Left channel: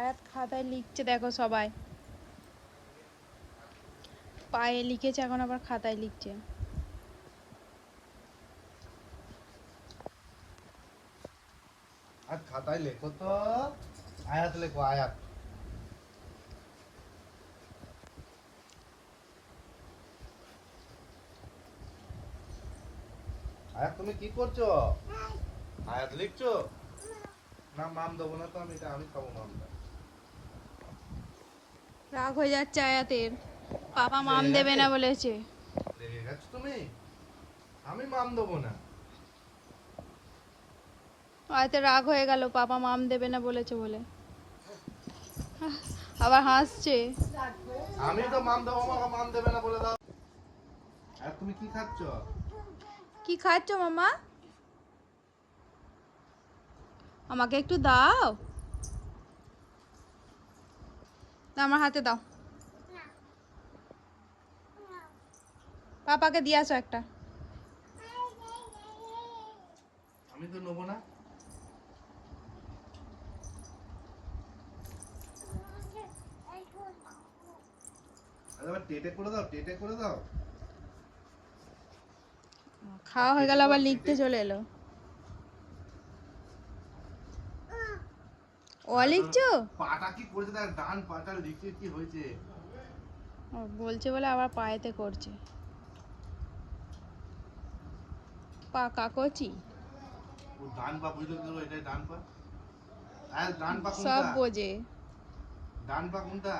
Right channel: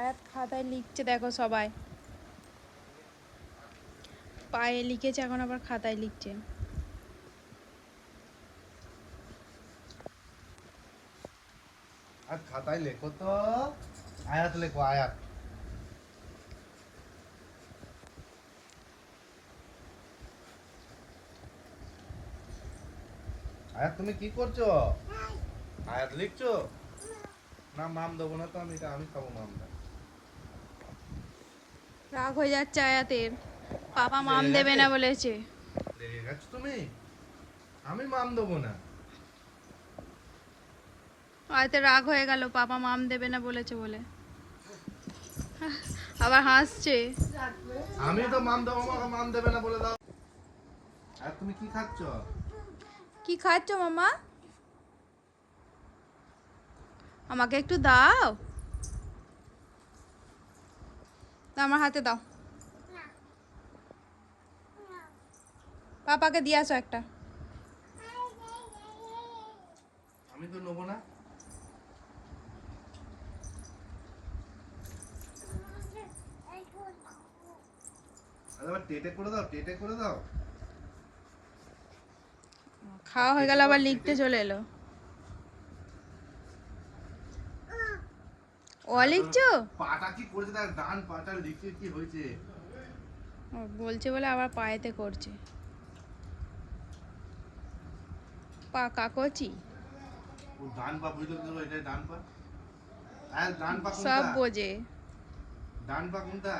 আয়াত খাতায় লিখছে, দেখো সবাই পায়ে লিখেছে, এখন আবার খাতায় লিখছে। আর খাতায় লেখো তো, আয়াত লেখো, আয়াত। আয়াত তুমি কি করছো? আয়াত লিখছো? না মাম দেবো না তো, আমি খাবো মামটা। রাগ হয়ে যাচ্ছে আয়াতের, পাপা মাম লেগে দেবে গেছে? না বলেছে। লেগে গেছো তুমি? আমি মাম দেবো না। আয়াতের রাগ হয়ে গেল, পাপা মাম দেবে না বলেছে বলে, আবার হাসছে। আমি তো মাম দেবো, আমাকে মাম দেবে না বলে দাও। আর তুমি কি খাচ্ছ? কি খাচ্ছ মামা? আমাকে একটু দাও, আমার হাতে দাও, পাপাকে দিয়ে আসো একটা। আমি তো নেবো না। আরে এবার টেটে করে দাও, টেটে করে দাও। খাওয়া হয়ে গেল, আবার লিখতে চলে এলো। ও লিখছো? পাটা কি করেছে, তার ডান পাটা লিখে কি হয়েছে? ও বলছে বলে আবার পায়েতে করছে, পা কাকচি ও ডান পা বুঝতে গেল, এটাই ডান পা। আর ডান পা সব কোনটা? বোঝে। ডান পা কোনটা?